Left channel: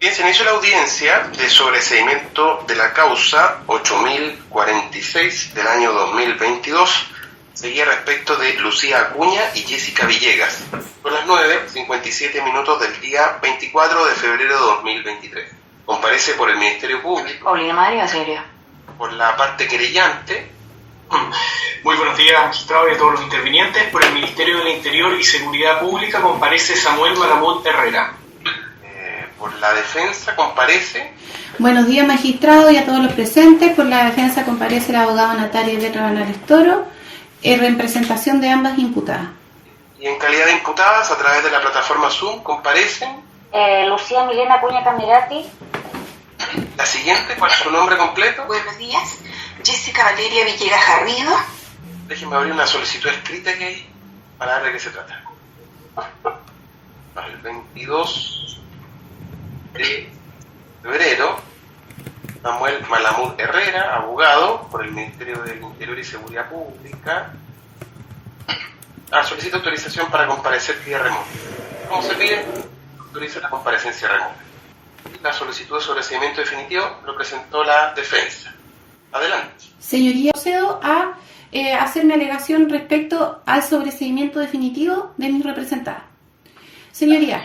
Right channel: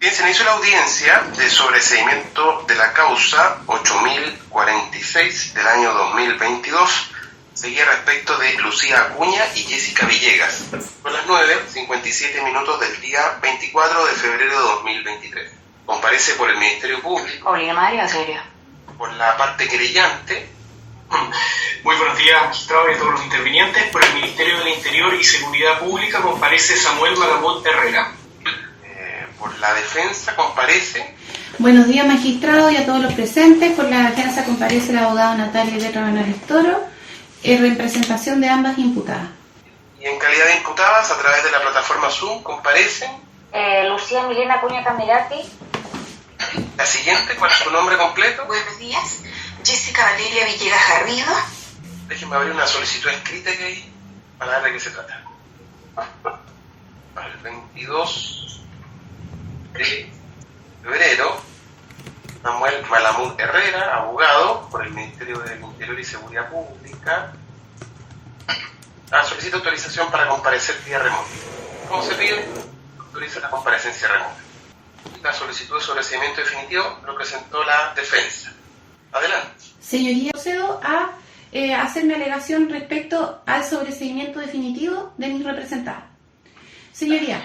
Bien, se inició la audiencia de sobreseimiento de la causa 8046 del año 2022, seguía respecto de Lucía Acuña y Jessica Villegas. Son las 9:57 del día 24 de febrero de 2023. Comparece por el Ministerio Público. Obliga María, serio. Por la parte querellante. Muy buenos días, magistrado y a todos los intervinientes. Por el Ministerio del Interior y Seguridad Pública comparece Samuel Malamud Herrera. Por la defensa comparece. Buenos días, magistrado y a todos los presentes. Por la defensa comparece el abogado Natalia Letra Banales Toro, en representación de ambas imputadas. Y en calidad de imputadas, a través de la plataforma Zoom, comparecen. Lucía Milena Acuña Camerati. La siguiente, ¿cuál es su nombre completo? Buenos días, Jessica Valeria Villegas Garrido. Déjenme abrir una solicitud escrita que hay para ver de qué se trata. Para el 22 de febrero, Samuel Malamud Herrera, abogado por el Ministerio del Interior y Seguridad Pública, solicita autorización para comparecer vía remota. ¿Cómo se pide? Autoriza la comparecencia remota. La solicitud de sobreseimiento definitivo lo presentó la defensa. Adelante. Señoría, procedo a hacer una alegación respecto al sobreseimiento definitivo de mis representadas. Señoría,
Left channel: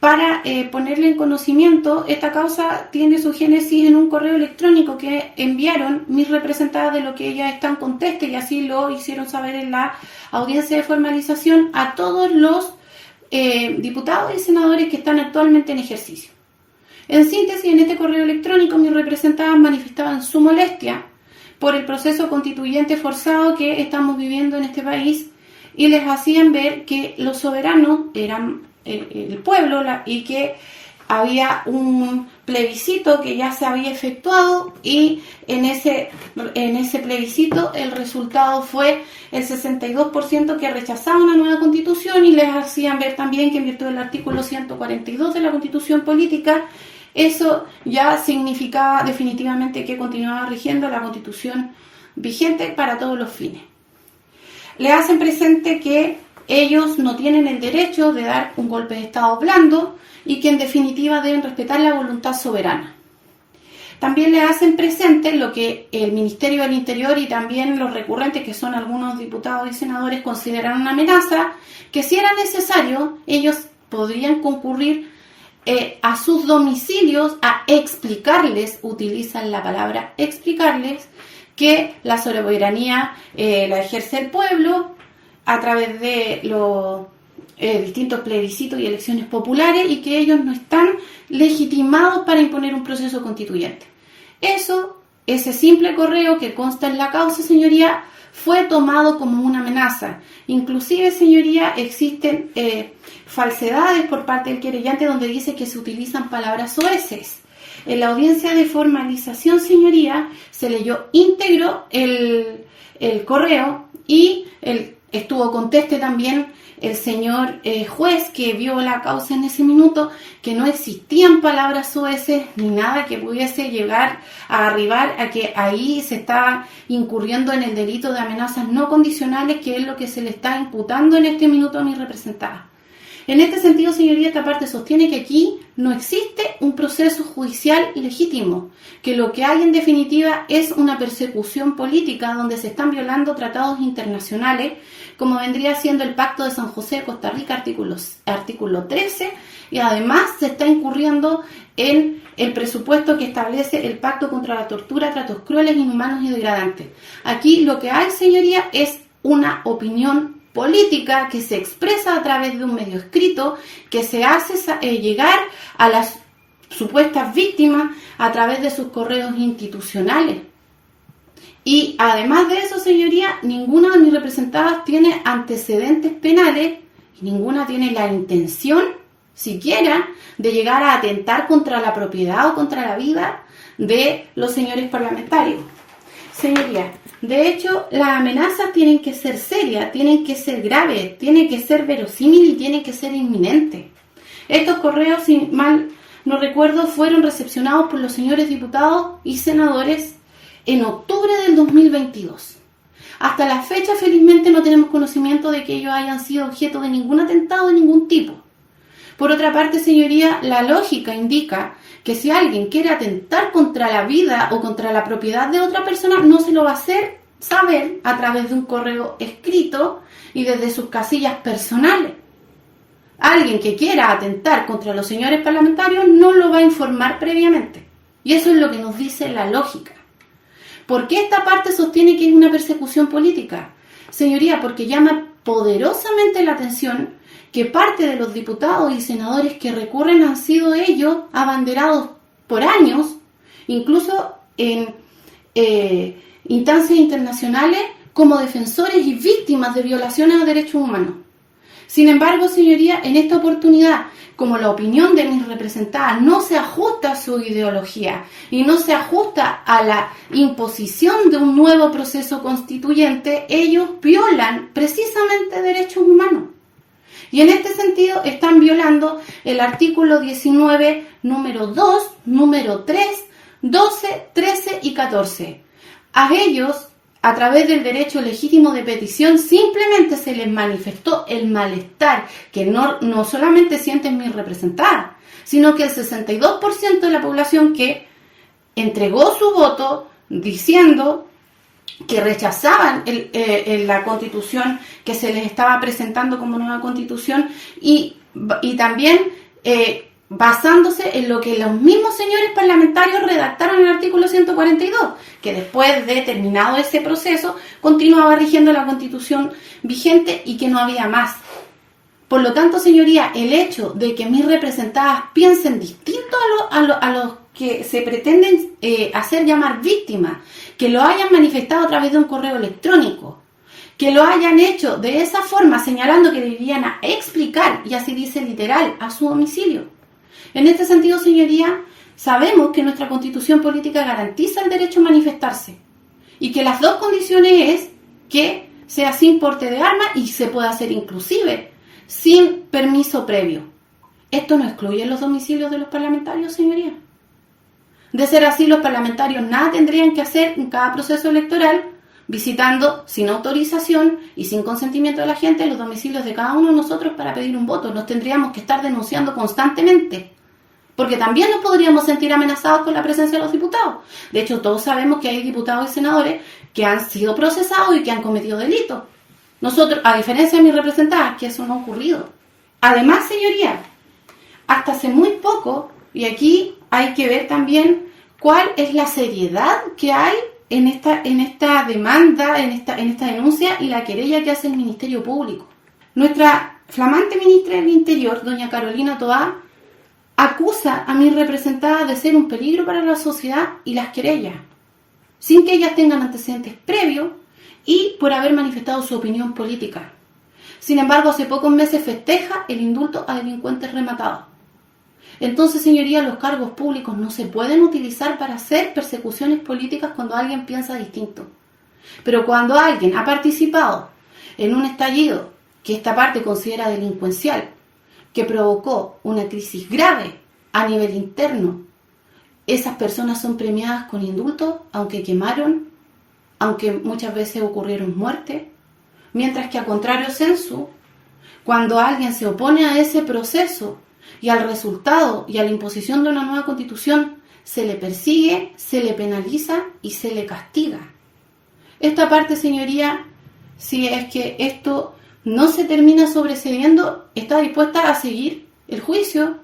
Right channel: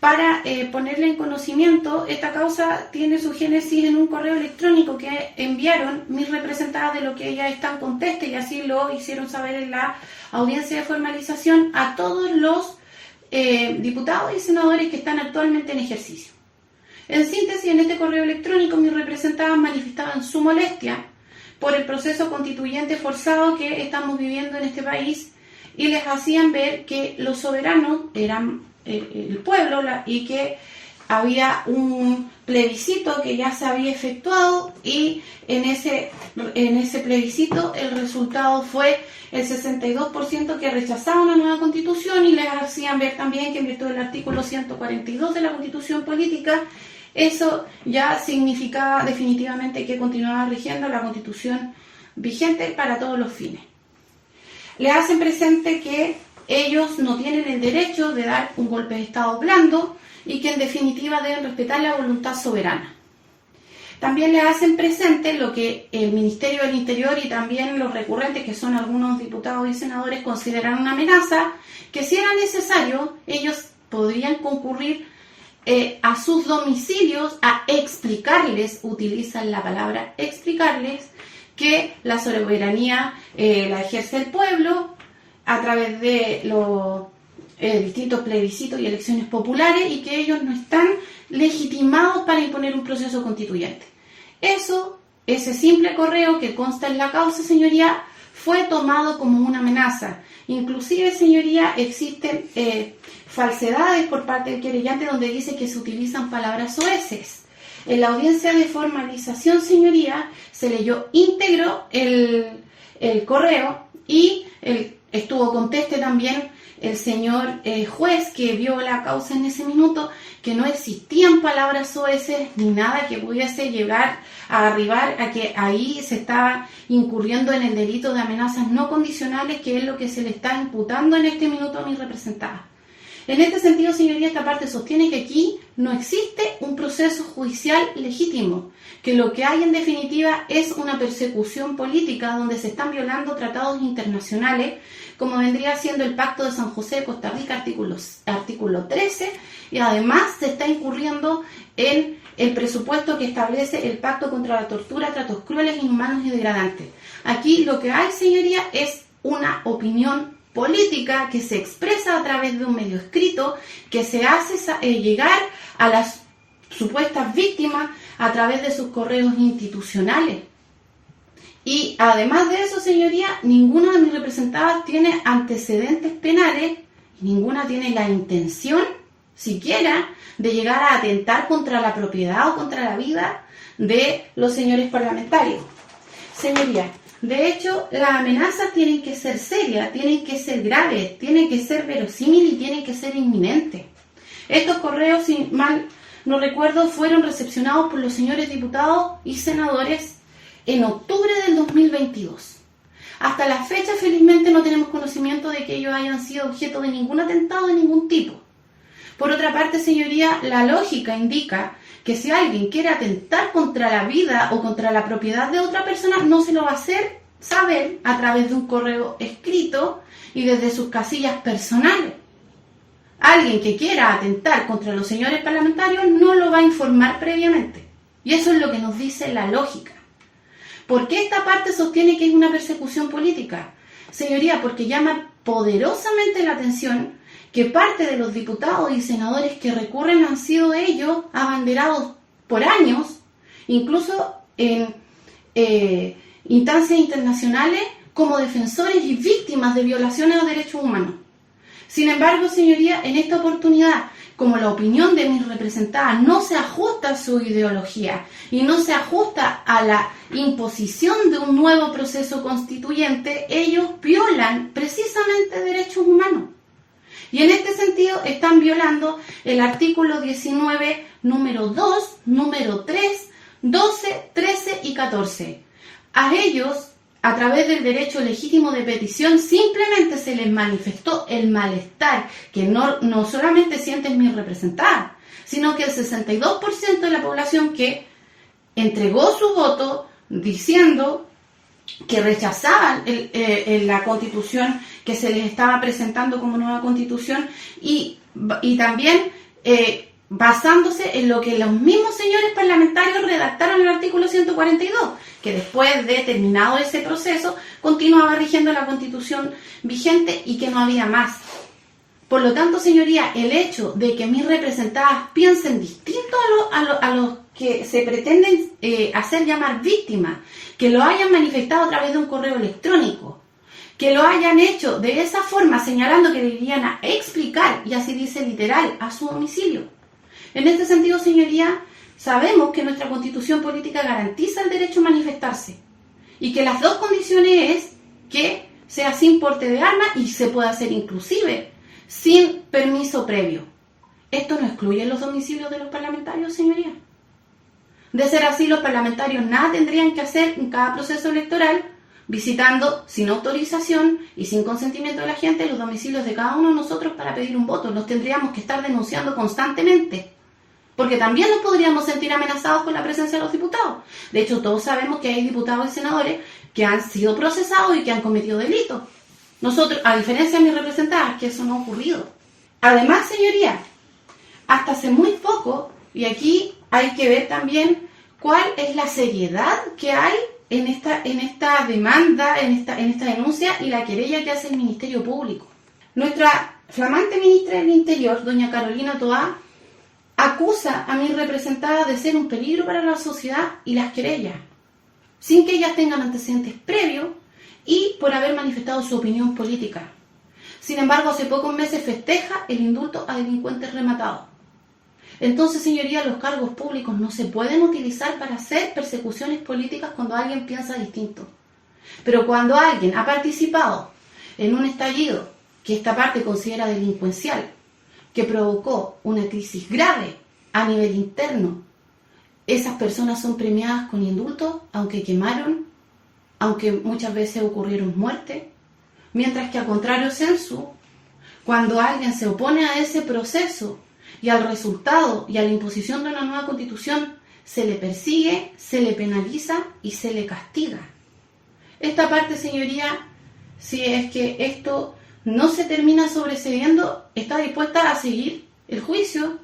para ponerle en conocimiento, esta causa tiene su génesis en un correo electrónico que enviaron mis representadas de lo que ellas están conteste, y así lo hicieron saber en la audiencia de formalización a todos los diputados y senadores que están actualmente en ejercicio. En síntesis, en este correo electrónico mis representadas manifestaban su molestia por el proceso constituyente forzado que estamos viviendo en este país y les hacían ver que los soberanos eran el pueblo y que había un plebiscito que ya se había efectuado y en ese plebiscito el resultado fue el 62% que rechazaba una nueva constitución, y les hacían ver también que en virtud del artículo 142 de la Constitución Política eso ya significaba definitivamente que continuaba rigiendo la Constitución vigente para todos los fines. Le hacen presente que ellos no tienen el derecho de dar un golpe de Estado blando y que en definitiva deben respetar la voluntad soberana. También le hacen presente lo que el Ministerio del Interior y también los recurrentes, que son algunos diputados y senadores, consideran una amenaza, que si era necesario ellos podrían concurrir a sus domicilios a explicarles, utilizan la palabra explicarles, que la soberanía la ejerce el pueblo a través de los distintos plebiscitos y elecciones populares, y que ellos no están legitimados para imponer un proceso constituyente. Ese simple correo que consta en la causa, señoría, fue tomado como una amenaza. Inclusive, señoría, existen falsedades por parte del querellante donde dice que se utilizan palabras soeces. En la audiencia de formalización, señoría, se leyó íntegro el correo y estuvo conteste también el señor juez que vio la causa en ese minuto, que no existían palabras soeces ni nada que pudiese llegar a arribar a que ahí se está incurriendo en el delito de amenazas no condicionales, que es lo que se le está imputando en este minuto a mi representada. En este sentido, señoría, esta parte sostiene que aquí no existe un proceso judicial legítimo, que lo que hay en definitiva es una persecución política donde se están violando tratados internacionales, como vendría siendo el Pacto de San José de Costa Rica, artículo 13, y además se está incurriendo en el presupuesto que establece el Pacto contra la Tortura, Tratos Crueles, Inhumanos y Degradantes. Aquí lo que hay, señoría, es una opinión política que se expresa a través de un medio escrito, que se hace llegar a las supuestas víctimas a través de sus correos institucionales. Y además de eso, señoría, ninguna de mis representadas tiene antecedentes penales y ninguna tiene la intención siquiera de llegar a atentar contra la propiedad o contra la vida de los señores parlamentarios. Señoría, de hecho, las amenazas tienen que ser serias, tienen que ser graves, tienen que ser verosímiles y tienen que ser inminentes. Estos correos, si mal no recuerdo, fueron recepcionados por los señores diputados y senadores en octubre del 2022. Hasta la fecha, felizmente, no tenemos conocimiento de que ellos hayan sido objeto de ningún atentado de ningún tipo. Por otra parte, señoría, la lógica indica que si alguien quiere atentar contra la vida o contra la propiedad de otra persona, no se lo va a hacer saber a través de un correo escrito y desde sus casillas personales. Alguien que quiera atentar contra los señores parlamentarios no lo va a informar previamente. Y eso es lo que nos dice la lógica. ¿Por qué esta parte sostiene que es una persecución política? Señoría, porque llama poderosamente la atención que parte de los diputados y senadores que recurren han sido ellos abanderados por años, incluso en instancias internacionales, como defensores y víctimas de violaciones a derechos humanos. Sin embargo, señoría, en esta oportunidad, como la opinión de mis representadas no se ajusta a su ideología y no se ajusta a la imposición de un nuevo proceso constituyente, ellos violan precisamente derechos humanos. Y en este sentido están violando el artículo 19, número 2, número 3, 12, 13 y 14. A ellos, a través del derecho legítimo de petición, simplemente se les manifestó el malestar que no solamente sienten mis representadas, sino que el 62% de la población que entregó su voto diciendo que rechazaban la constitución que se les estaba presentando como nueva constitución y también basándose en lo que los mismos señores parlamentarios redactaron en el artículo 142, que después de terminado ese proceso continuaba rigiendo la constitución vigente y que no había más. Por lo tanto, señoría, el hecho de que mis representadas piensen distinto a los que se pretenden hacer llamar víctimas, que lo hayan manifestado a través de un correo electrónico, que lo hayan hecho de esa forma señalando que debían a explicar, y así dice literal, a su domicilio. En este sentido, señoría, sabemos que nuestra constitución política garantiza el derecho a manifestarse y que las dos condiciones es que sea sin porte de arma y se pueda hacer inclusive sin permiso previo. Esto no excluye los domicilios de los parlamentarios, señoría. De ser así, los parlamentarios nada tendrían que hacer en cada proceso electoral, visitando sin autorización y sin consentimiento de la gente los domicilios de cada uno de nosotros para pedir un voto. Nos tendríamos que estar denunciando constantemente, porque también nos podríamos sentir amenazados con la presencia de los diputados. De hecho, todos sabemos que hay diputados y senadores que han sido procesados y que han cometido delitos. Nosotros, a diferencia de mis representadas, que eso no ha ocurrido. Además, señoría, hasta hace muy poco, y aquí hay que ver también cuál es la seriedad que hay en esta demanda, en esta denuncia y la querella que hace el Ministerio Público. Nuestra flamante ministra del Interior, doña Carolina Toá, acusa a mis representadas de ser un peligro para la sociedad y las querellas, sin que ellas tengan antecedentes previos y por haber manifestado su opinión política. Sin embargo, hace pocos meses festeja el indulto a delincuentes rematados. Entonces, señoría, los cargos públicos no se pueden utilizar para hacer persecuciones políticas cuando alguien piensa distinto. Pero cuando alguien ha participado en un estallido que esta parte considera delincuencial, que provocó una crisis grave a nivel interno, esas personas son premiadas con indultos, aunque quemaron, aunque muchas veces ocurrieron muertes, mientras que al contrario sensu, cuando alguien se opone a ese proceso y al resultado y a la imposición de una nueva constitución, se le persigue, se le penaliza y se le castiga. Esta parte, señoría, si es que esto no se termina sobrecediendo, está dispuesta a seguir el juicio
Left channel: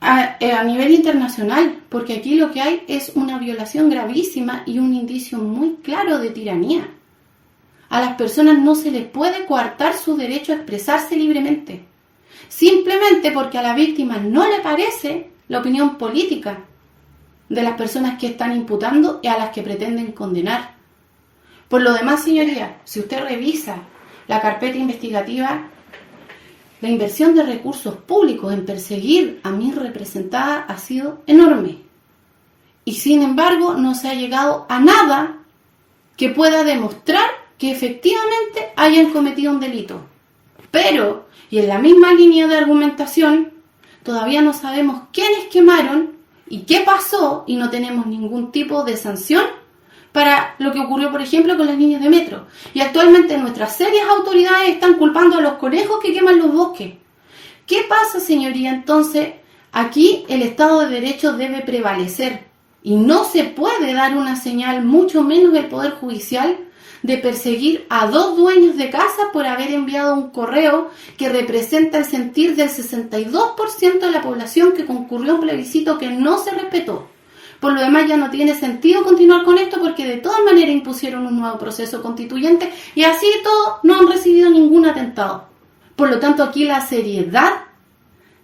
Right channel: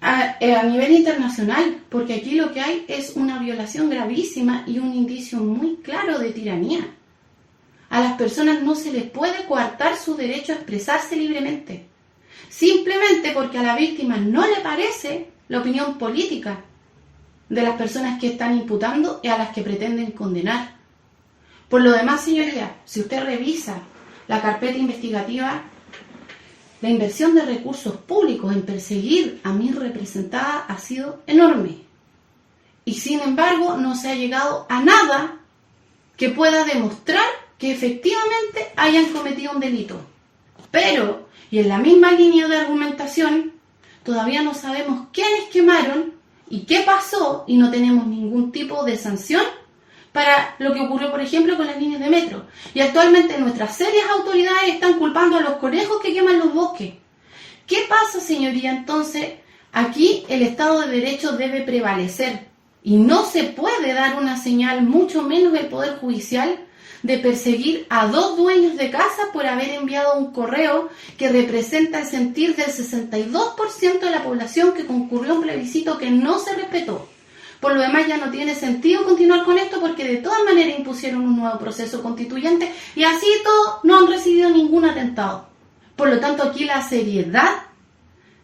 a nivel internacional, porque aquí lo que hay es una violación gravísima y un indicio muy claro de tiranía. A las personas no se les puede coartar su derecho a expresarse libremente, simplemente porque a la víctima no le parece la opinión política de las personas que están imputando y a las que pretenden condenar. Por lo demás, señoría, si usted revisa la carpeta investigativa, la inversión de recursos públicos en perseguir a mis representadas ha sido enorme. Y sin embargo, no se ha llegado a nada que pueda demostrar que efectivamente hayan cometido un delito. Pero, y en la misma línea de argumentación, todavía no sabemos quiénes quemaron y qué pasó y no tenemos ningún tipo de sanción para lo que ocurrió, por ejemplo, con las líneas de metro. Y actualmente nuestras serias autoridades están culpando a los conejos que queman los bosques, ¿Qué pasa, señoría? Entonces, aquí el Estado de Derecho debe prevalecer y no se puede dar una señal, mucho menos el Poder Judicial, de perseguir a 2 dueños de casa por haber enviado un correo que representa el sentir del 62% de la población que concurrió a un plebiscito que no se respetó. Por lo demás, ya no tiene sentido continuar con esto porque de todas maneras impusieron un nuevo proceso constituyente y así todo no han recibido ningún atentado. Por lo tanto, aquí la seriedad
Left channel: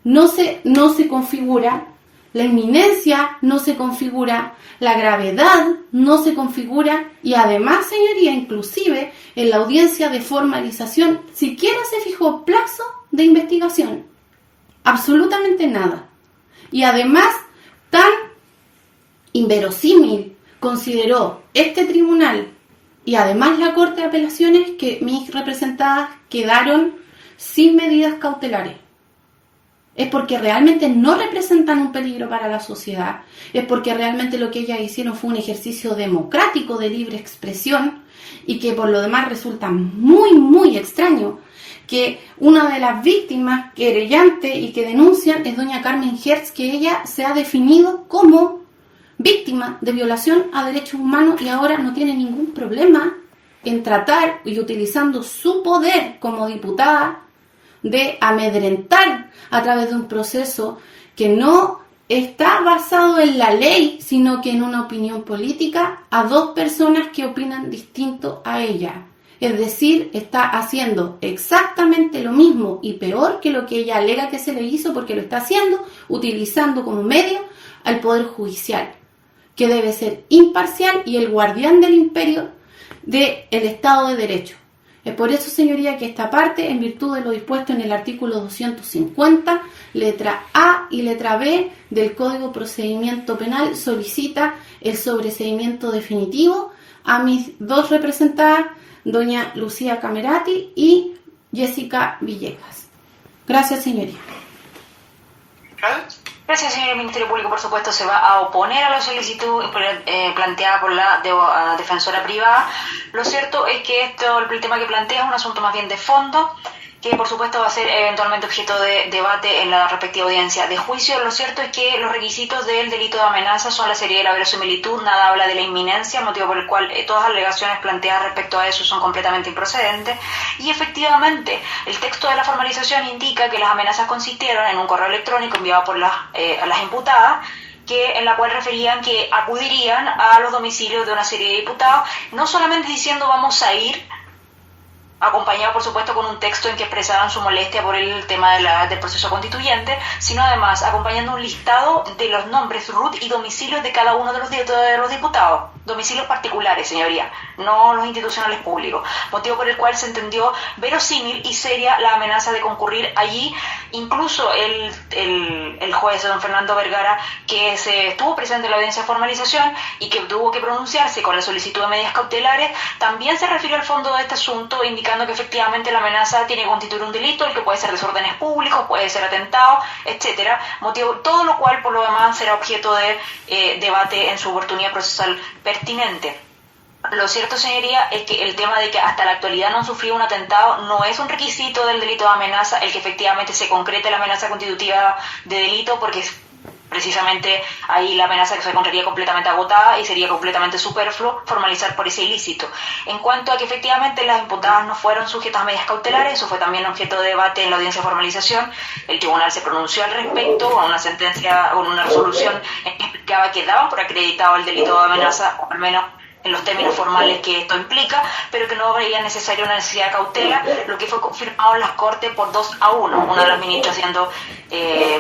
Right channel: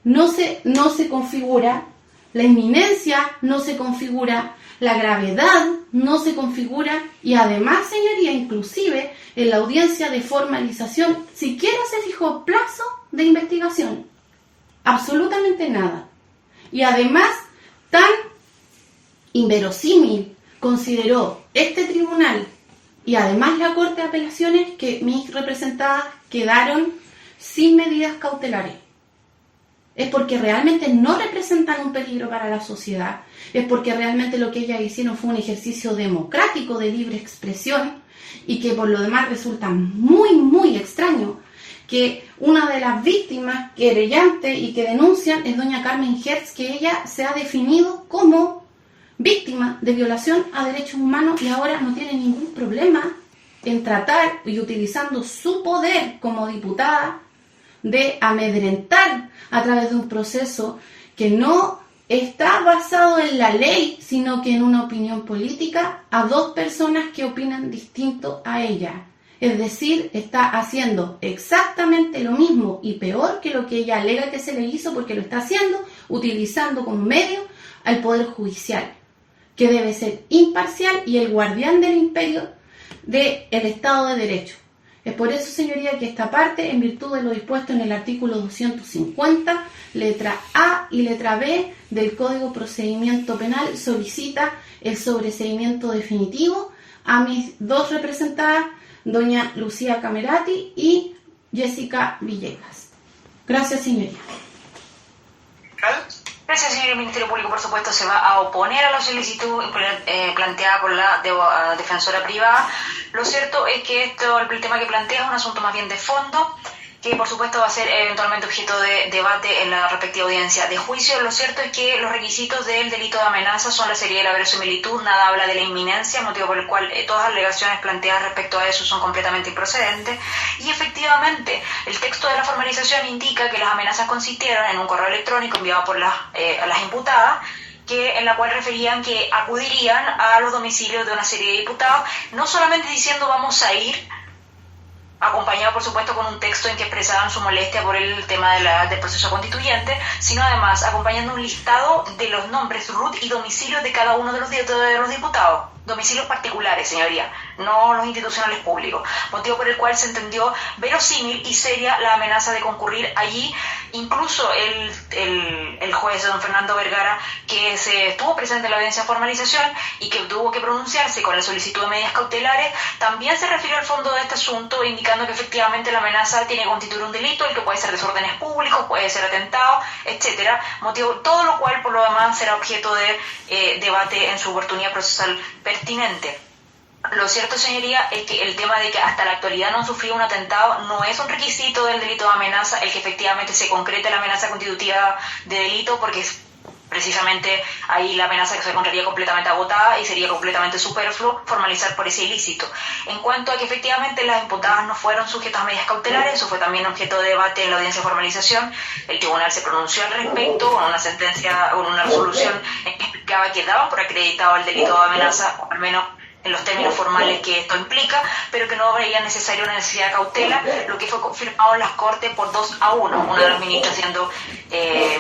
no se configura, la inminencia no se configura, la gravedad no se configura y además, señoría, inclusive en la audiencia de formalización siquiera se fijó plazo de investigación. Absolutamente nada. Y además, tan inverosímil consideró este tribunal y además la Corte de Apelaciones que mis representadas quedaron sin medidas cautelares. Es porque realmente no representan un peligro para la sociedad, es porque realmente lo que ellas hicieron fue un ejercicio democrático de libre expresión y que por lo demás resulta muy, muy extraño que una de las víctimas querellantes y que denuncian es doña Carmen Hertz, que ella se ha definido como víctima de violación a derechos humanos y ahora no tiene ningún problema en tratar y utilizando su poder como diputada de amedrentar a través de un proceso que no está basado en la ley, sino que en una opinión política a 2 personas que opinan distinto a ella. Es decir, está haciendo exactamente lo mismo y peor que lo que ella alega que se le hizo, porque lo está haciendo utilizando como medio al Poder Judicial, que debe ser imparcial y el guardián del imperio del Estado de Derecho. Es por eso, señoría, que esta parte, en virtud de lo dispuesto en el artículo 250, letra A y letra B del Código de Procedimiento Penal, solicita el sobreseimiento definitivo a mis 2 representadas, doña Lucía Camerati y Jessica Villegas. Gracias, señoría. Gracias, señor. El Ministerio Público, por supuesto, se va a oponer a la solicitud planteada por la defensora privada. Lo cierto es que el tema que plantea es un asunto más bien de fondo, que por supuesto va a ser eventualmente objeto de debate en la respectiva audiencia de juicio. Lo cierto es que los requisitos del delito de amenaza son la seriedad y la verosimilitud, nada habla de la inminencia, motivo por el cual todas las alegaciones planteadas respecto a eso son completamente improcedentes. Y efectivamente, el texto de la formalización indica que las amenazas consistieron en un correo electrónico enviado por a las imputadas, en la cual referían que acudirían a los domicilios de una serie de diputados, no solamente diciendo vamos a ir, acompañado por supuesto con un texto en que expresaban su molestia por el tema del proceso constituyente, sino además acompañando un listado de los nombres, RUT y domicilios de cada uno de los diputados, domicilios particulares, señoría, no los institucionales públicos, motivo por el cual se entendió verosímil y seria la amenaza de concurrir allí. Incluso el juez don Fernando Vergara, que se estuvo presente en la audiencia de formalización y que tuvo que pronunciarse con la solicitud de medidas cautelares, también se refirió al fondo de este asunto, indicando que efectivamente la amenaza tiene que constituir un delito, el que puede ser desórdenes públicos, puede ser atentado, etcétera, motivo todo lo cual por lo demás será objeto de debate en su oportunidad procesal pertinente. Lo cierto, señoría, es que el tema de que hasta la actualidad no han sufrido un atentado no es un requisito del delito de amenaza el que efectivamente se concrete la amenaza constitutiva de delito, porque precisamente ahí la amenaza se encontraría completamente agotada y sería completamente superfluo formalizar por ese ilícito. En cuanto a que efectivamente las imputadas no fueron sujetas a medidas cautelares, eso fue también objeto de debate en la audiencia de formalización. El tribunal se pronunció al respecto con una sentencia, con una resolución en que explicaba que daban por acreditado el delito de amenaza, o al menos en los términos formales que esto implica, pero que no veía necesaria una necesidad de cautela, lo que fue confirmado en las Cortes por 2-1, una de las ministras siendo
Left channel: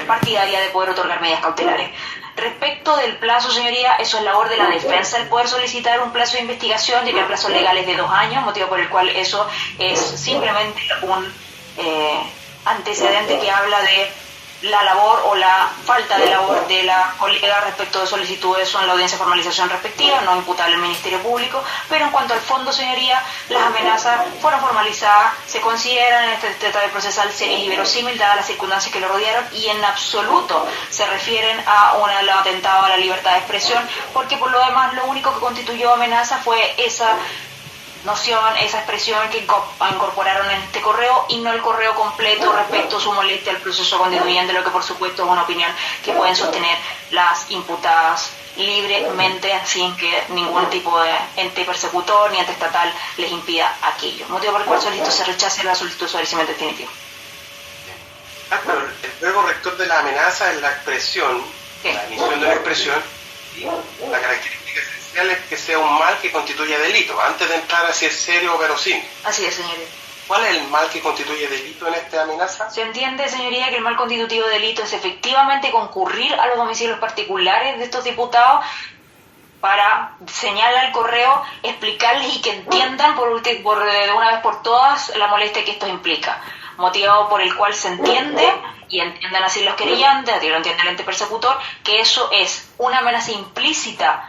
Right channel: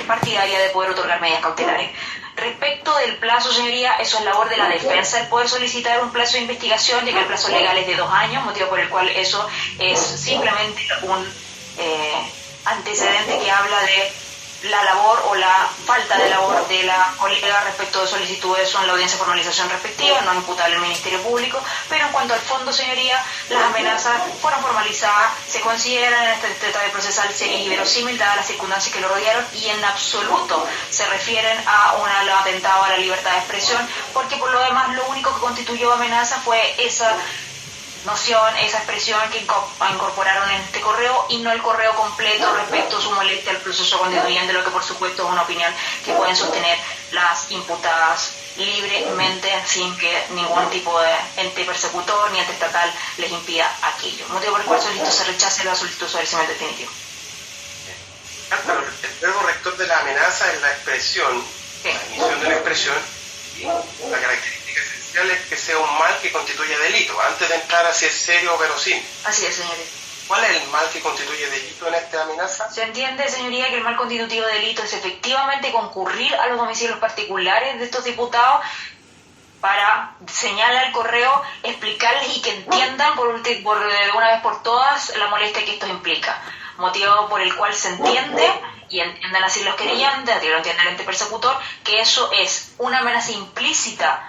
partidaria de poder otorgar medidas cautelares. Respecto del plazo, señoría, eso es labor de la defensa, el poder solicitar un plazo de investigación, ya que el plazo legal es de 2 años, motivo por el cual eso es simplemente un antecedente que habla de la labor o la falta de labor de la colega respecto de solicitudes en la audiencia de formalización respectiva, no imputable al Ministerio Público, pero en cuanto al fondo, señoría, las amenazas fueron formalizadas, se consideran en este tratado procesal seria y verosímil dadas las circunstancias que lo rodearon y en absoluto se refieren a un atentado a la libertad de expresión, porque por lo demás lo único que constituyó amenaza fue esa noción, esa expresión que incorporaron en este correo y no el correo completo respecto a su molestia al proceso constituyente, lo que por supuesto es una opinión que pueden sostener las imputadas libremente sin que ningún tipo de ente persecutor ni ente estatal les impida aquello. Motivo por el cual se rechace la solicitud de esclarecimiento definitivo. Pero el verbo rector de la amenaza es la expresión, Sí. la emisión de la expresión, y la característica esencial es que sea un mal que constituya delito, antes de entrar a si es serio o verosímil. Así es, señoría. ¿Cuál es el mal que constituye delito en esta amenaza? Se entiende, señoría, que el mal constitutivo de delito es efectivamente concurrir a los domicilios particulares de estos diputados para señalar al correo, explicarles y que entiendan de una vez por todas la molestia que esto implica. Motivo por el cual se entiende, y entiendan así los querellantes, así lo entiende el ente persecutor, que eso es una amenaza implícita,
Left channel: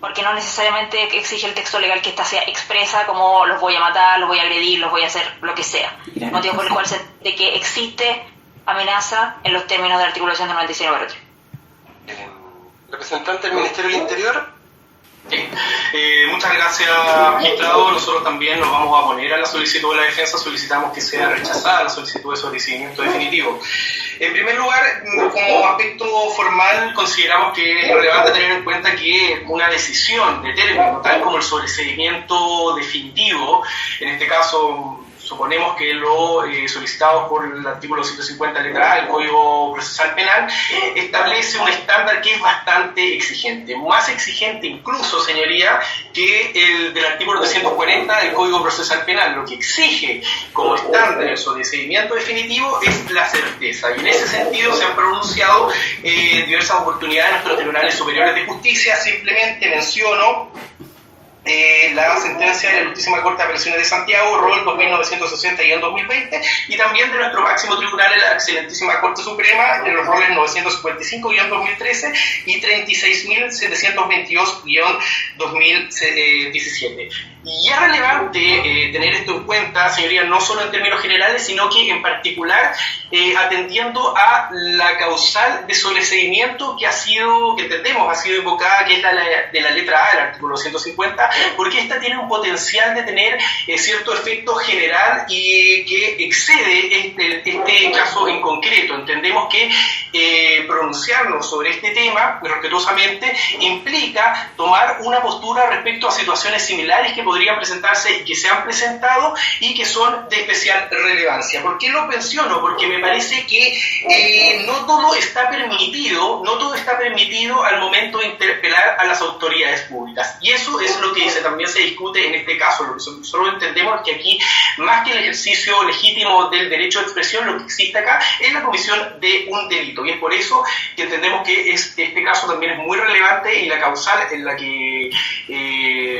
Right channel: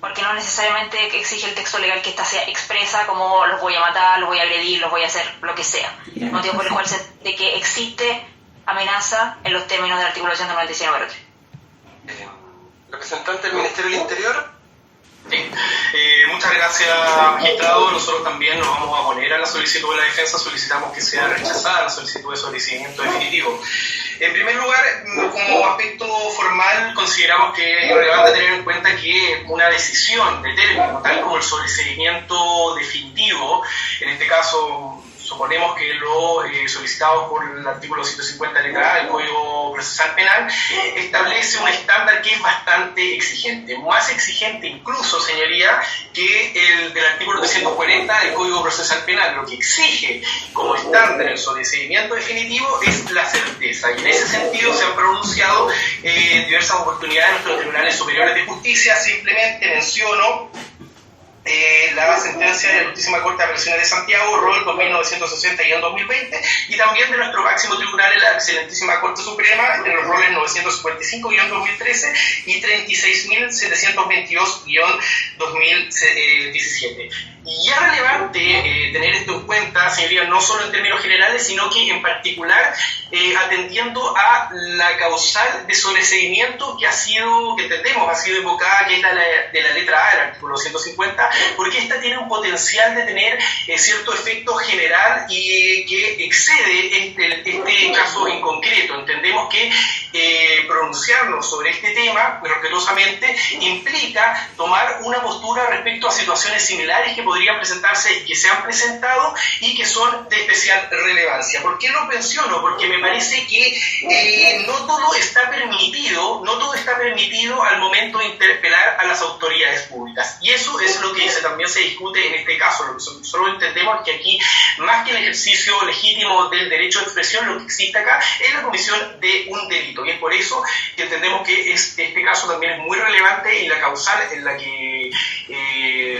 porque no necesariamente exige el texto legal que ésta sea expresa como los voy a matar, los voy a agredir, los voy a hacer, lo que sea. Motivo por el cual de que existe amenaza en los términos del artículo 199-3. Representante del Ministerio del Interior. Muchas gracias, magistrado. Nosotros también nos vamos a oponer a la solicitud de la defensa. Solicitamos que sea rechazada la solicitud de sobreseimiento definitivo. En primer lugar, como aspecto formal, consideramos que es relevante tener en cuenta que una decisión de término, tal como el sobreseimiento definitivo, en este caso suponemos que lo solicitado por el artículo 150 letra A del Código Procesal Penal, establece un estándar que es bastante exigente, más exigente incluso, señoría, que el del artículo 240 del Código Procesal Penal. Lo que exige como estándar el sobreseimiento definitivo es la certeza, y en ese sentido se han pronunciado diversas oportunidades en nuestros tribunales superiores de justicia. Simplemente menciono la sentencia de la Altísima Corte de Apelaciones de Santiago, ROL 2960 y en 2020, y también de nuestro máximo tribunal, la Excelentísima Corte Suprema, en los roles 955-2013 y 36.722-2017. Y es relevante tener esto en cuenta, señoría, no solo en términos generales, sino que en particular atendiendo a la causal de sobreseimiento que entendemos ha sido evocada, que es la de la letra A del artículo 150, porque esta tiene un potencial de tener cierto efecto general y que excede este caso en concreto. Entendemos que pronunciarnos sobre este tema respetuosamente implica tomar una postura respecto a situaciones similares que podrían presentarse y que se han presentado y que son de especial relevancia. ¿Por qué lo menciono? Porque me parece que no todo está permitido al momento de interpelar a las autoridades públicas, y eso es lo que también se discute en este caso. Lo que solo entendemos que aquí, más que el ejercicio legítimo del derecho de expresión, lo que existe acá es la comisión de un delito, y es por eso que entendemos que este caso también es muy relevante, y la causal en la que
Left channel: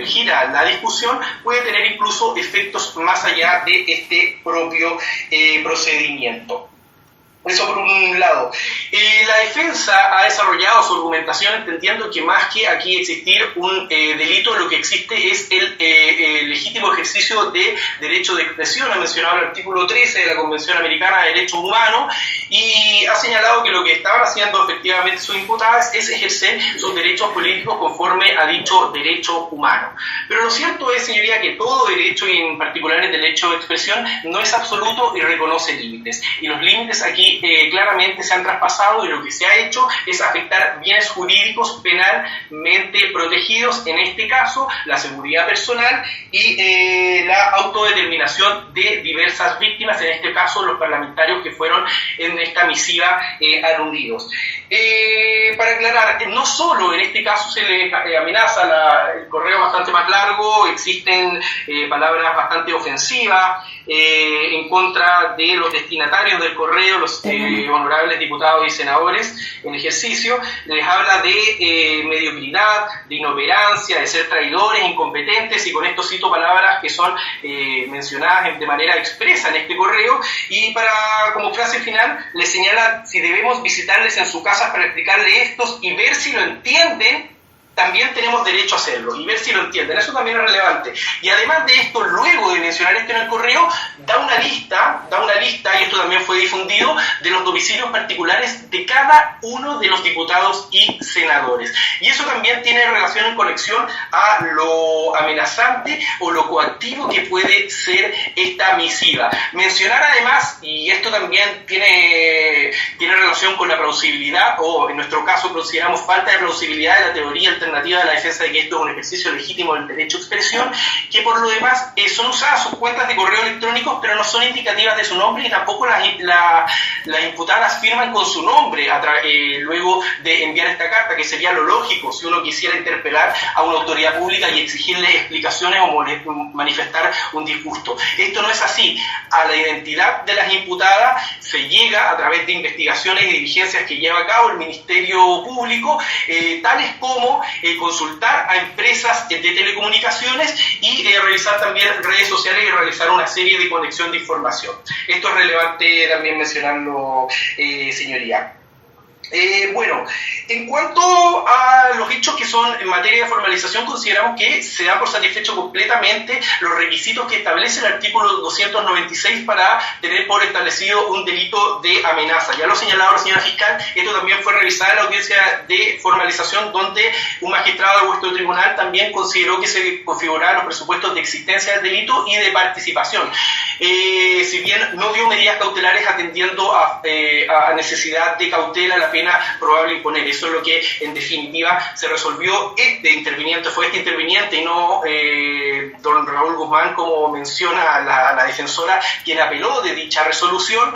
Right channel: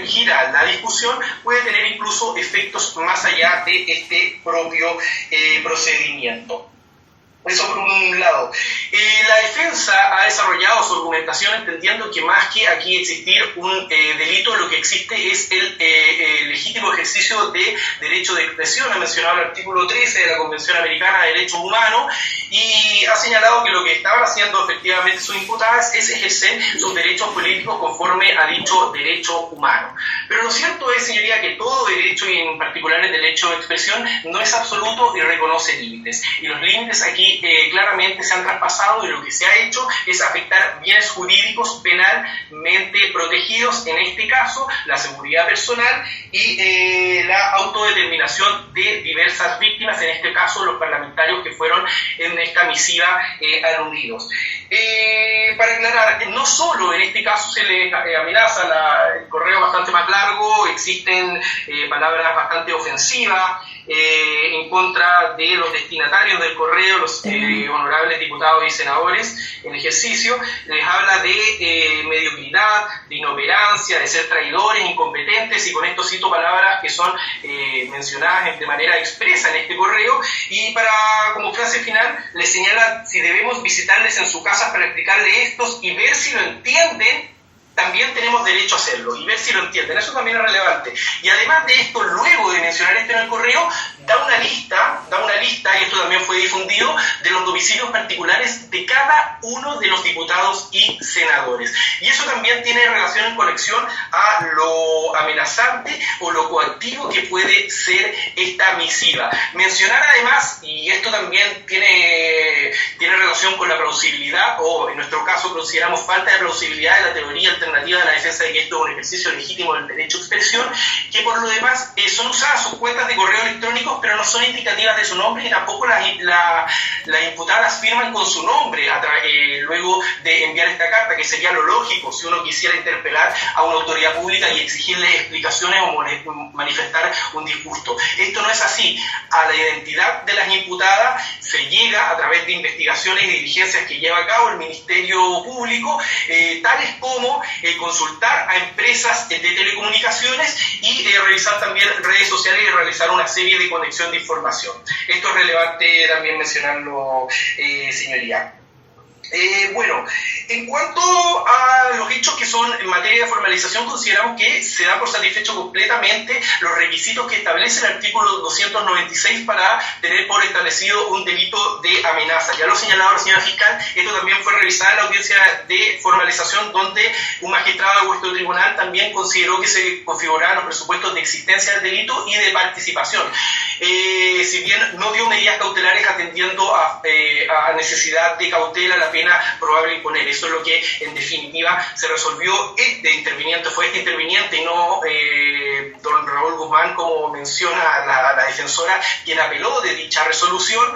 gira la discusión puede tener incluso efectos más allá de este propio procedimiento. Eso por un lado. La defensa ha desarrollado su argumentación entendiendo que más que aquí existir un delito, lo que existe es el legítimo ejercicio de derecho de expresión. Ha mencionado el artículo 13 de la Convención Americana de Derechos Humanos y ha señalado que lo que estaban haciendo efectivamente sus imputadas es ejercer sus derechos políticos conforme a dicho derecho humano. Pero lo cierto es, señoría, que todo derecho, y en particular el derecho de expresión, no es absoluto y reconoce límites. Y los límites aquí claramente se han traspasado, y lo que se ha hecho es afectar bienes jurídicos penalmente protegidos, en este caso la seguridad personal y la autodeterminación de diversas víctimas, en este caso los parlamentarios que fueron en esta misiva aludidos. Para aclarar, no solo en este caso se le amenaza el correo bastante más largo, existen palabras bastante ofensivas en contra de los destinatarios del correo, los honorables diputados y senadores en ejercicio. Les habla de mediocridad, de inoperancia, de ser traidores, incompetentes, y con esto cito palabras que son mencionadas de manera expresa en este correo, y como frase final les señala si debemos visitarles en su casa para explicarle estos y ver si lo entienden también tenemos derecho a hacerlo y ver si lo entienden. Eso también es relevante. Y además de esto, luego de mencionar esto en el correo, da una lista, y esto también fue difundido, de los domicilios particulares de cada uno de los diputados y senadores. Y eso también tiene relación en conexión a lo amenazante o lo coactivo que puede ser esta misiva. Mencionar además, y esto también tiene relación con la plausibilidad, o en nuestro caso consideramos falta de plausibilidad de la teoría alternativa de la defensa de que esto es un ejercicio legítimo del derecho a expresión, que por lo demás son usadas sus cuentas de correo electrónicos, pero no son indicativas de su nombre y tampoco las imputadas firman con su nombre luego de enviar esta carta, que sería lo lógico si uno quisiera interpelar a una autoridad pública y exigirle explicaciones o manifestar un disgusto. Esto no es así. A la identidad de las imputadas se llega a través de investigaciones y diligencias que lleva a cabo el Ministerio Público, tales como consultar a empresas de telecomunicaciones y revisar también redes sociales y realizar una serie de conexión de información. Esto es relevante también mencionarlo, señoría. Bueno, en cuanto a los hechos que son en materia de formalización, consideramos que se da por satisfecho completamente los requisitos que establece el artículo 296 para tener por establecido un delito de amenaza. Ya lo señalaba la señora fiscal, esto también fue revisado en la audiencia de formalización, donde un magistrado de vuestro tribunal también consideró que se configuraban los presupuestos de existencia del delito y de participación. Si bien no dio medidas cautelares atendiendo a necesidad de cautela, la pena probable imponer. Eso es lo que en definitiva se resolvió. Fue este interviniente y no don Raúl Guzmán, como menciona la defensora, quien apeló de dicha resolución.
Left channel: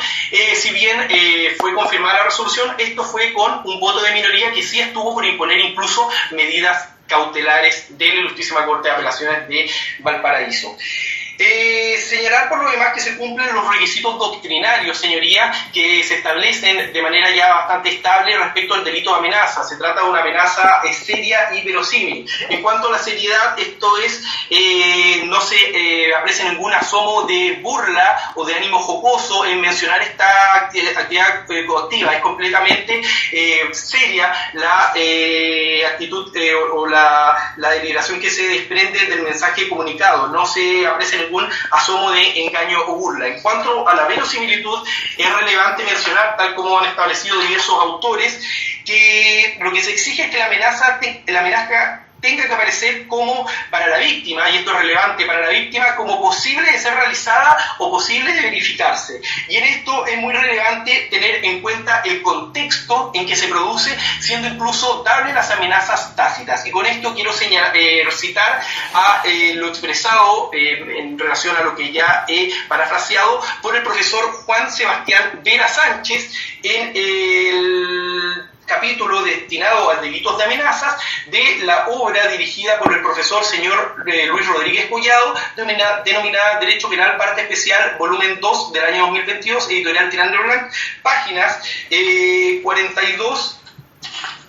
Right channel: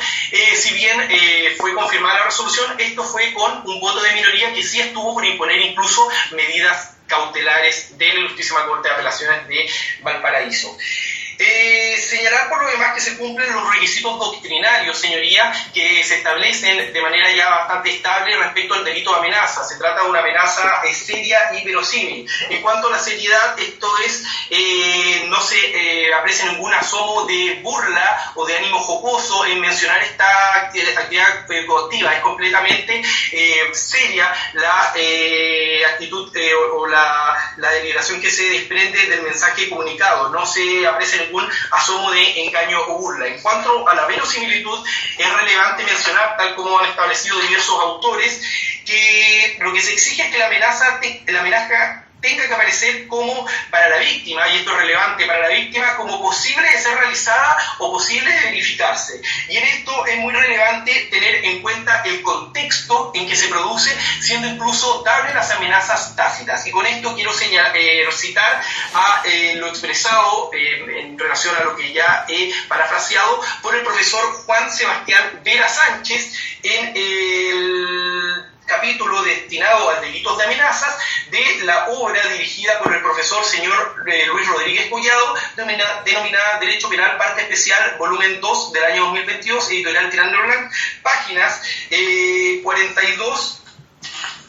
Si bien fue confirmada la resolución, esto fue con un voto de minoría que sí estuvo por imponer incluso medidas cautelares de la Ilustrísima Corte de Apelaciones de Valparaíso. Señalar por lo demás que se cumplen los requisitos doctrinarios, señoría, que se establecen de manera ya bastante estable respecto al delito de amenaza. Se trata de una amenaza seria y verosímil. En cuanto a la seriedad, esto es, no se aprecia ningún asomo de burla o de ánimo jocoso en mencionar esta actividad coactiva. Es completamente seria la actitud o la deliberación que se desprende del mensaje comunicado. No se aprecia ningún asomo de engaño o burla. En cuanto a la verosimilitud, es relevante mencionar, tal como han establecido diversos autores, que lo que se exige es que la amenaza tenga que aparecer como para la víctima, y esto es relevante para la víctima, como posible de ser realizada o posible de verificarse. Y en esto es muy relevante tener en cuenta el contexto en que se produce, siendo incluso dable las amenazas tácitas. Y con esto quiero citar a lo expresado en relación a lo que ya he parafraseado por el profesor Juan Sebastián Vera Sánchez en el capítulo destinado a delitos de amenazas de la obra dirigida por el profesor señor Luis Rodríguez Collado, denominada Derecho Penal, parte especial, volumen 2 del año 2022, editorial Tirán-de-Roland, páginas 42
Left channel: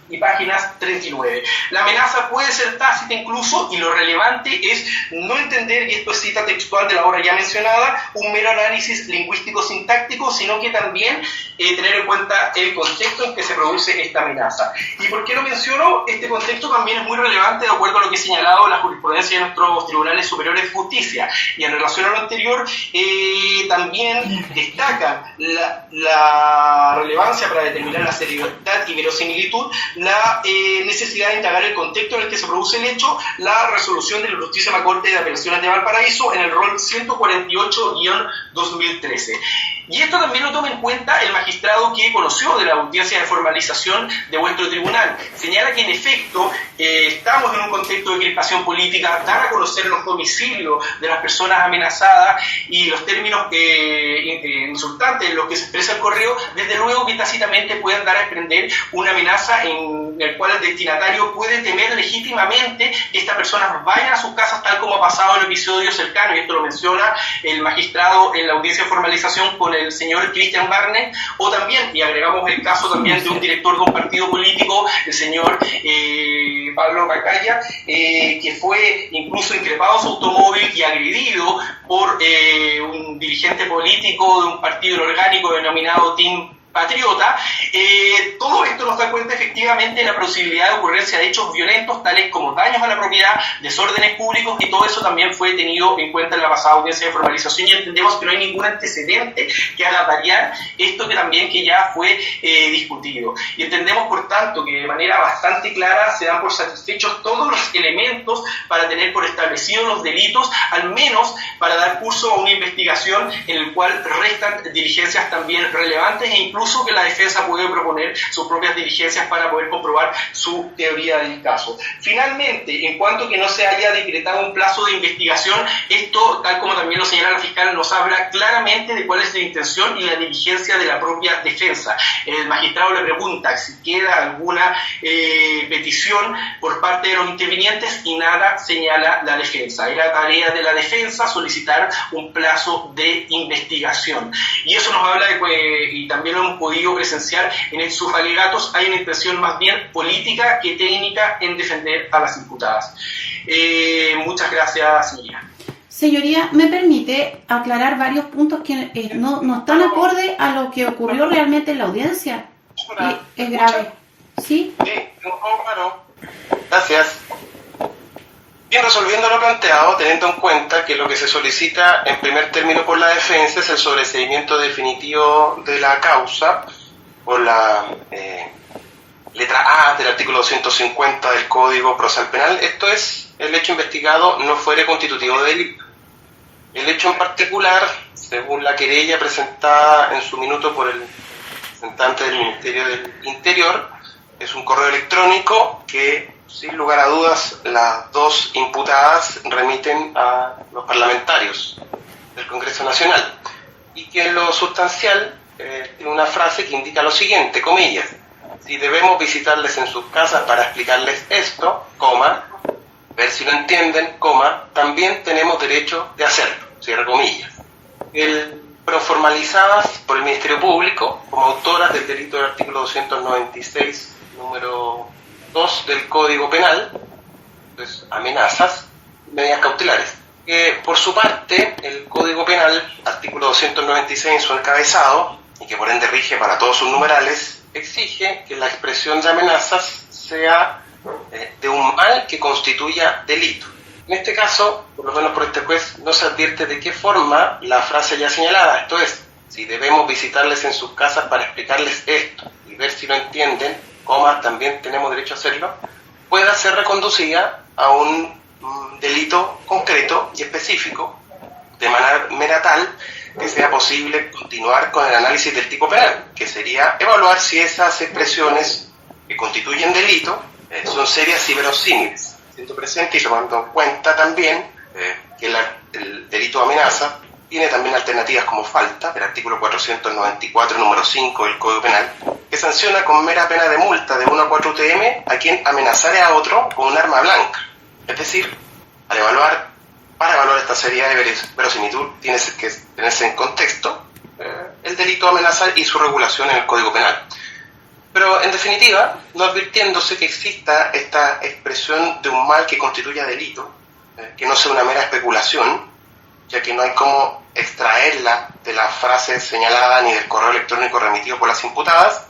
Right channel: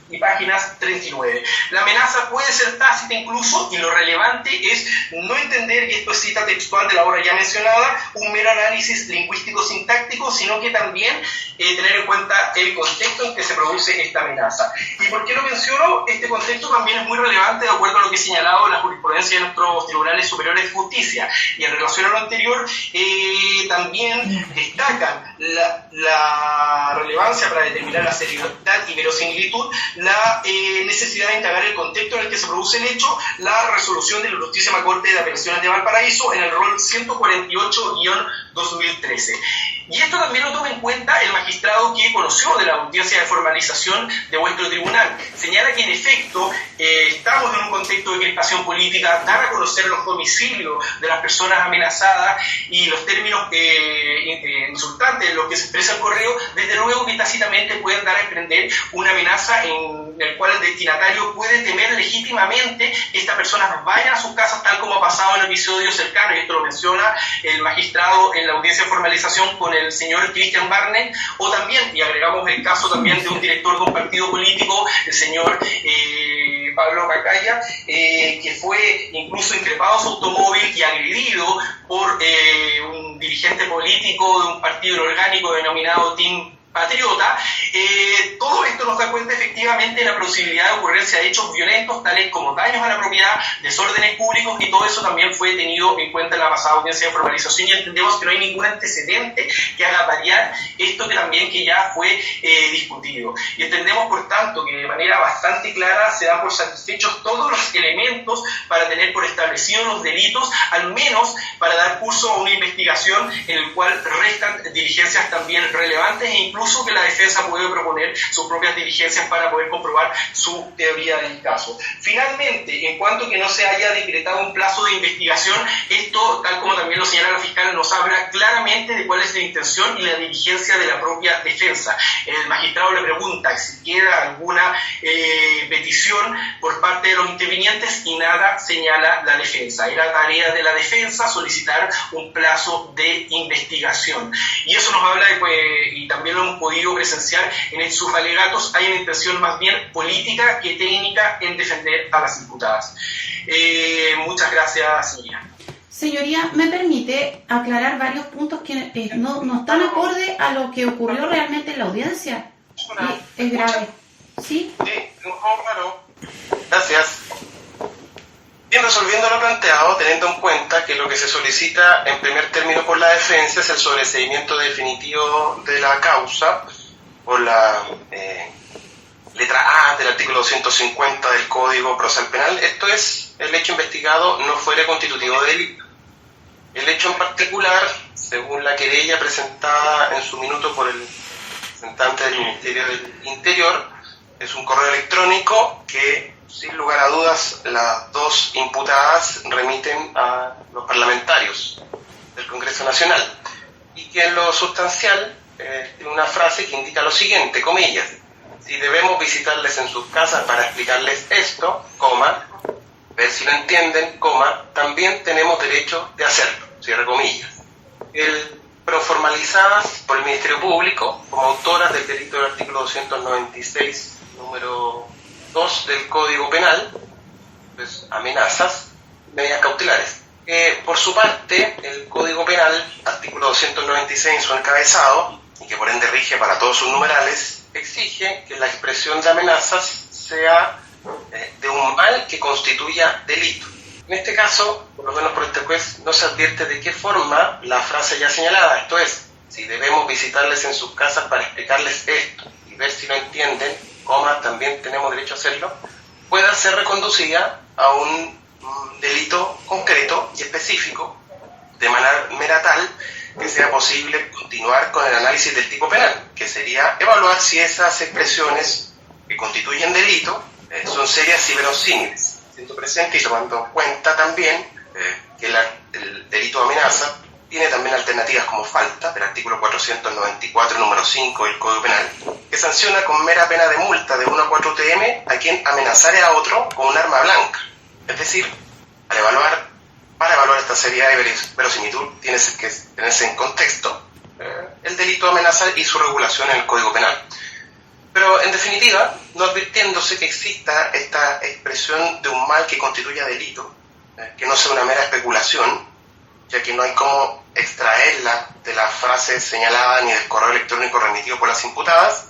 y páginas 39. La amenaza puede ser tácita incluso, y lo relevante es no entender, y esto es cita textual de la obra ya mencionada, un mero análisis lingüístico-sintáctico, sino que también tener en cuenta el contexto en que se produce esta amenaza. ¿Y por qué lo menciono? Este contexto también es muy relevante de acuerdo a lo que he señalado la jurisprudencia de nuestros tribunales superiores de justicia, y en relación a lo anterior también destaca la relevancia para determinar la seriedad y verosimilitud, la necesidad de indagar el contexto en el que se produce el hecho, la resolución de la Ilustrísima Corte de Apelaciones de Valparaíso en el rol 148-2013. Y esto también lo toma en cuenta el magistrado que conoció de la audiencia de formalización de vuestro tribunal. Señala que en efecto estamos en un contexto de crispación política, dar a conocer los domicilios de las personas amenazadas y los términos insultantes en los que se expresa el correo, desde luego que tácitamente pueden dar a emprender una amenaza en el cual el destinatario puede temer legítimamente que estas personas vayan a sus casas, tal como ha pasado en el episodio cercano, y esto lo menciona el magistrado en la audiencia de formalización con el señor Cristian Barnett, o también, y agregamos el caso también de un director de un partido político, el señor Pablo Cacaya, que fue incluso increpado su automóvil y agredido por un dirigente político de un partido orgánico denominado Team patriota, todo esto nos da cuenta efectivamente de la posibilidad de ocurrencia de hechos violentos, tales como daños a la propiedad, desórdenes públicos, y todo eso también fue tenido en cuenta en la pasada audiencia de formalización, y entendemos que no hay ningún antecedente que haga variar esto que ya fue discutido. Y entendemos, por tanto, que de manera bastante clara se dan por satisfechos todos los elementos para tener por establecidos los delitos, al menos para dar curso a una investigación en el cual restan diligencias también relevantes, e incluso que la defensa puede proponer sus propias diligencias para poder comprobar su teoría del caso. Finalmente, en cuanto que no se haya decretado un plazo de investigación, esto, tal como también lo señala la fiscal, nos habla claramente de cuál es la intención y la diligencia de la propia defensa. El magistrado le pregunta si queda alguna petición por parte de los intervinientes y nada señala la defensa. Era tarea de la defensa solicitar un plazo de investigación. Y eso nos habla de, y también lo hemos podido presenciar en sus alegatos, hay una intención más bien política que técnica en defender a las imputadas. Muchas gracias, señoría. Señoría, ¿me permite aclarar varios puntos que no están acorde a lo que ocurrió realmente en la audiencia? Es grave. ¿Sí? Sí, claro. Gracias. Bien, resolviendo lo planteado, teniendo en cuenta que lo que se solicita en primer término por la defensa es el sobreseimiento definitivo de la causa por la letra A del artículo 250 del Código Procesal Penal, esto es, el hecho investigado no fuere constitutivo de delito. El hecho en particular, según la querella presentada en su minuto por el representante del Ministerio del Interior, es un correo electrónico que, sin lugar a dudas, las dos imputadas remiten a los parlamentarios del Congreso Nacional, y que en lo sustancial tiene una frase que indica lo siguiente, comillas: si debemos visitarles en sus casas para explicarles esto, coma, ver si lo entienden, coma, también tenemos derecho de hacerlo, cierre comillas. Pero formalizadas por el Ministerio Público como autoras del delito del artículo 296, número 2 del Código Penal, pues amenazas, medidas cautelares. Por su parte, el Código Penal, artículo 296 en su encabezado, y que por ende rige para todos sus numerales, exige que la expresión de amenazas sea de un mal que constituya delito. En este caso, por lo menos por este juez, no se advierte de qué forma la frase ya señalada, esto es, si debemos visitarles en sus casas para explicarles esto y ver si lo entienden, coma, también tenemos derecho a hacerlo, pueda ser reconducida a un delito concreto y específico, de manera tal que sea posible continuar con el análisis del tipo penal, que sería evaluar si esas expresiones que constituyen delito son serias y verosímiles, siendo presente y tomando en cuenta también que el delito de amenaza tiene también alternativas como falta, del artículo 494, número 5 del Código Penal, que sanciona con mera pena de multa de 1 a 4 UTM a quien amenazare a otro con un arma blanca. Es decir, para evaluar esta seriedad de verosimilitud, tiene que tenerse en contexto el delito de amenazar y su regulación en el Código Penal. Pero, en definitiva, no advirtiéndose que exista esta expresión de un mal que constituya delito, que no sea una mera especulación, ya que no hay cómo extraerla de la frase señalada ni del correo electrónico remitido por las imputadas,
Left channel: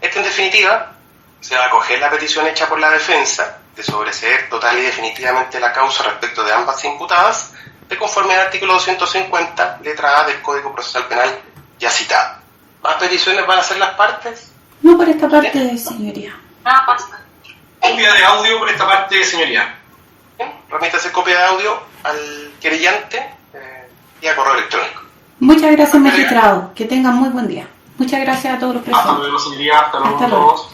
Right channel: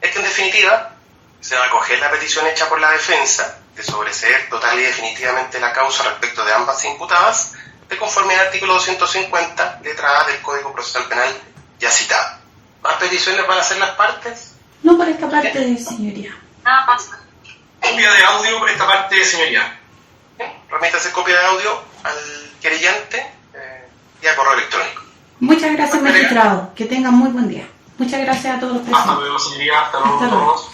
es que, en definitiva, se va a acoger la petición hecha por la defensa de sobreseer total y definitivamente la causa respecto de ambas imputadas, de conforme al artículo 250, letra A del Código Procesal Penal ya citado. ¿Más peticiones van a hacer las partes? No por esta parte, señoría. Nada más. Copia de audio por esta parte, señoría. Bien, remítase copia de audio al querellante y a correo electrónico. Muchas gracias, magistrado. Que tengan muy buen día. Muchas gracias a todos los presentes. Hasta luego, señoría. Hasta luego a Hasta luego. todos.